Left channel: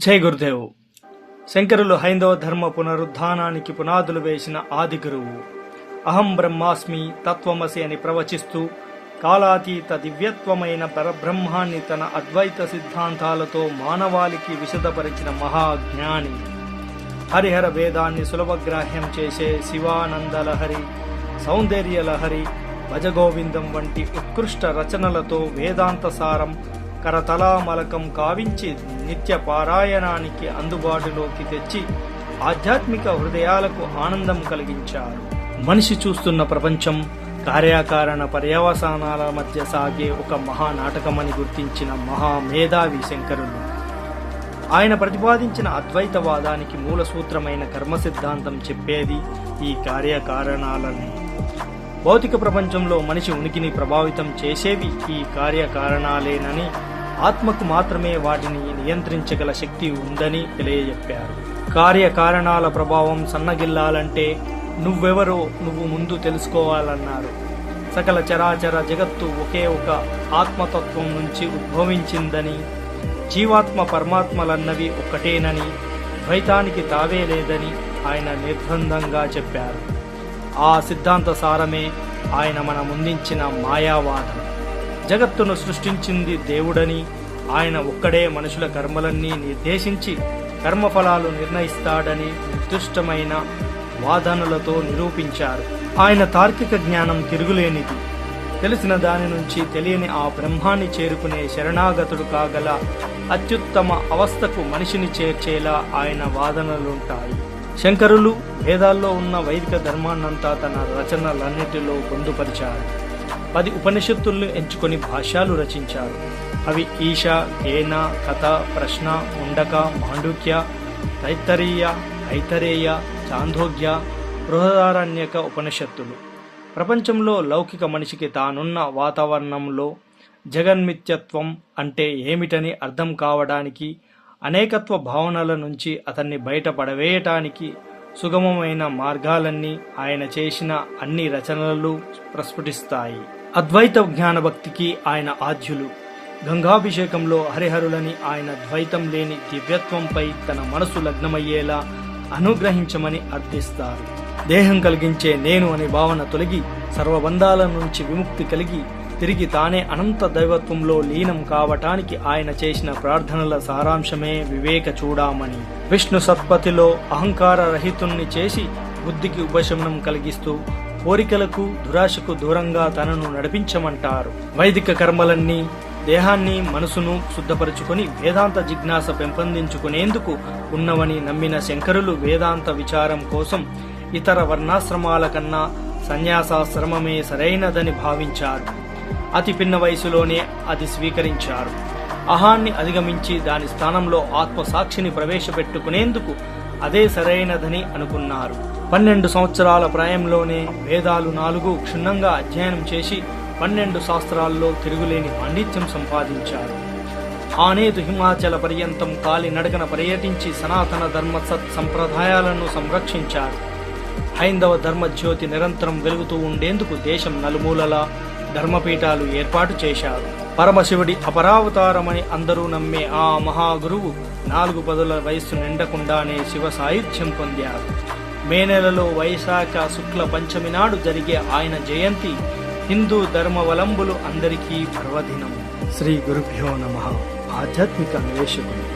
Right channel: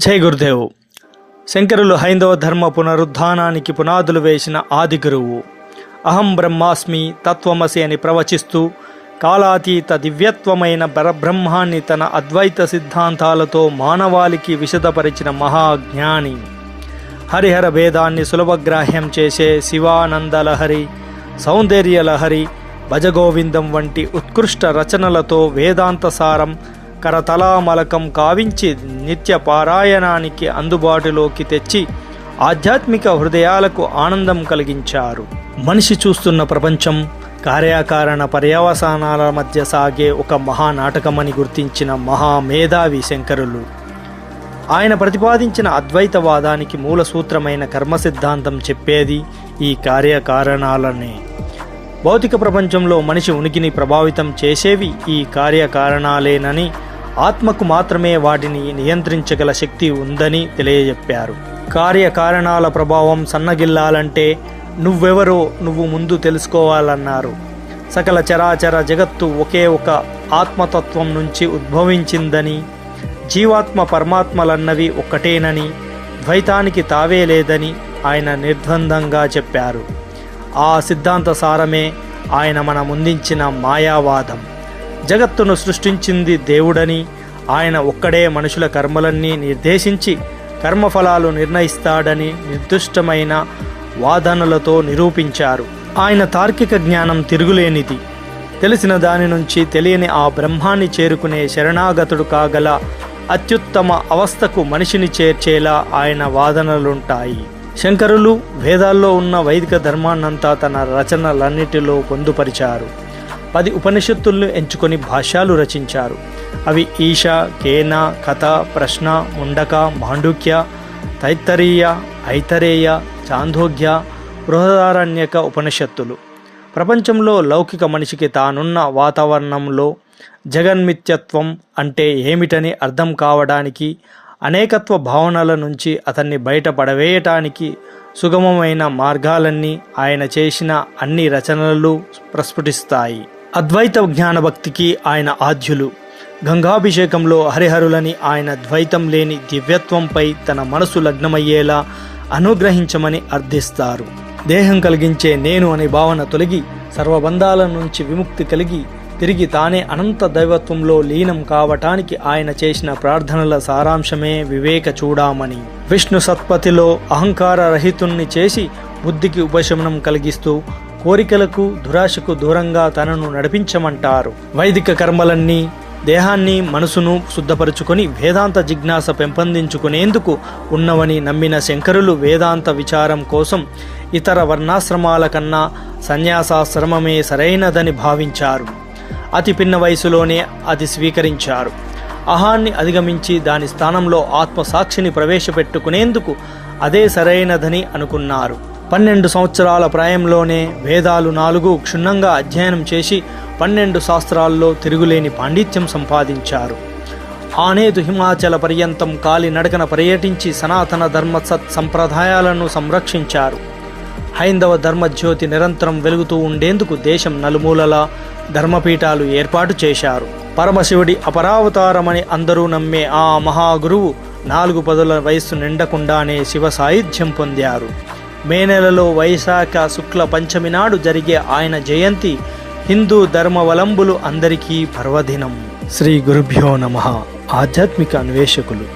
జై గురుదేవ్. శంకరులు హైందవ ధర్మ పునరుద్ధానానికి పునాదులు వేసిన ఆది గురువు. అహం బ్రహ్మాస్మి, తత్వమసి అని ప్రవచిస్తూ కాలాతీత దివ్యత్వమైన పరబ్రహ్మాన్ని తన అద్వైత సిద్ధాంతాలతో మానవాళికి విశదపరిచిన మహాజ్ఞాని. హరిహర భేదాన్ని సులభగ్రాహ్యం చేసే శివానందలహరి, సౌందర్యలహరి, భజగోవిందం వంటి ఉత్కృష్ట రచనలతో వేదాంత సారం కరతలామలకం కావించి నిత్య పారాయణానికి అందుబాటులోకి తెచ్చి ఆధ్యాత్మిక హృదయాలకు ఆనందం కలిగించారు. మనిషి చూస్తున్న ప్రపంచం కార్యకారణ పర్యవసానాల మధ్య సాగే ఒక మహానాటకమని గుర్తించిన మహామేధావి శంకరులు. ఆయన ప్రతిపాదించిన అద్వైతవాదానికి మూల సూత్రమైన కర్మ సిద్ధాంతం చెప్పేది ఈ కార్యకారణాలనే. భౌతిక ప్రపంచంలో మనిషి ఉనికిని ప్రభావితం చేసేవి ఈ కార్యకారణాలేనని, ఆత్మకు మాత్రమే వాటిని నియంత్రించగల శక్తి ఉందని తెలియజెప్పారు. కార్యకారణాల ప్రభావం సన్నగిల్లాలంటే నువ్వెవరో నువ్వు ముందు తెలుసుకోవాలన్నారు. సకల చరాచర జగత్తు ఒకే ఒక ఆత్మతత్వం నుంచి ఉద్భవించిందని, జీవాత్మ పరమాత్మలన్నవి ఒక్కటేనని, ద్వైతానికి తావే లేదని ఆయన నిర్ద్వందంగా చెప్పారు. ఆ సిద్ధాంత సారమే ఆయన మన ముందించిన మాయావాదం. జగత్తును సృష్టించింది దేవుడని, ఆయన ఒక్కడే మనుషుల కర్మలన్నీ నిర్దేశించి కర్మఫలాలు నిర్ణయిస్తాడని నిర్దిష్టమైన వాదనలతో నిరూపించారు. ఆయన తార్కిక జ్ఞానం తిరుగులేనిది. తెలిసిన దాని నుంచి తెలియని ఆ బ్రహ్మాన్ని చేరుకునే శరణాగతుడు కాగల అత్యుత్తమ అవస్థకు మనిషిని చేర్చేలా ఆయన వాదనలుంటాయి. శంకరులు వేదాల్లో ఉన్న వైదిక ధర్మాన్నంతా తన రచనలన్నిటిలో పొందుపరిచారు. 10 ఉపనిషత్తులను ఎంచుకొని భాష్యాలు రచించారు. అవి ఈశ, కేన, కథ, ప్రశ్న, ముండక, మాండుక్య, తైత్తరీయ, ఐతరేయ, చాందోగ్య, బృహదారణ్యక ఉపనిషత్తులు. ప్రపంచంలో లౌకిక మనిషికి తానున్న వాతావరణంలో జగన్మిత్యత్వం అంటే ఏమిటని అర్థం కావడానికి, అనేకత్వ భావనల నుంచి అతన్ని బయటపడవేయటానికి సుగమమైన మార్గాలన్నీ ఆయన చేసిన అన్ని రచనలు ప్రస్ఫుటిస్తాయి. అద్వైత జ్ఞానభక్తికి ఆయన ఆద్యులు. గంగాభిషేకంలో హరిహరులని ఆయన ద్వైతం లేని దివ్యత్వంపై తన మనసు లగ్నమయ్యేలా అనుగ్రహించమని అర్థిస్తారు. దేహం కలిగించే నేను అనే భావన తొలగి సర్వబంధాల నుంచి విముక్తి కలిగి తిరిగి తానే అనంత దైవత్వంలో లీనం కావటానికి ఆయన చేసిన ప్రార్థనల సారాంశమే వివేక చూడామణి. విష్ణు సత్పతిలో అహంకార రహితుణ్ణి చేసి బుద్ధికి ఉపశమనం కలిగిస్తూ కోరికలకు దురాశకు దూరంగా తనను నడిపించమంటారు. వైదిక కర్మలన్నీ దేహాన్ని మనసును శుద్ధపరుచుకొని వేదాంత జిజ్ఞాస పెంపొందించుకునేందుకు ఉన్నవని నమ్మిన శంకరులు వేదాంత విచారం కోసం ఇతర వర్ణాశ్రమాల కన్నా సన్యాసాశ్రమమే సరైనదని భావించారు. అతి పిన్న వయసులోనే అది స్వీకరించారు. అహాన్ని అధిగమించి దాని స్థానంలో ఆత్మసాక్షిని ప్రవేశపెట్టుకునేందుకు అదే సరైనదని అనుకున్నారు. 12 సంవత్సరాల ప్రాయంలోనే వేదాలు 4 క్షుణ్ణంగా అధ్యయనం చేసి 12 శాస్త్రాల్లో తిరుగులేని పాండిత్యం సంపాదించారు. ఆనేదు హిమాచల పర్యంతం కాలి నడకన పర్యటించి సనాతన ధర్మ సత్ సంప్రదాయాలను సంరక్షించారు. హైందవ ధర్మజ్యోతి నిరంతరం వెలుగుతూ ఉండేందుకు దేశం నలుమూలలా ధర్మపీఠాలు ఏర్పాటు చేశారు. పరమశివుడి అపరావతారమని అందరూ నమ్మే ఆ మహాగురువు 4 పదుల వయస్సు నిండకుండానే శివ సాయుధ్యం పొందారు. మే నెలలో వైశాఖ శుక్ల పంచమి నాడు జరిగే ఆయన జయంతి హిందూ ధర్మవలంబులు అందరికీ పర్వదినం. శ్రీ గురుభ్యో నమః. ఆధ్యాత్మిక అన్వేషకులు.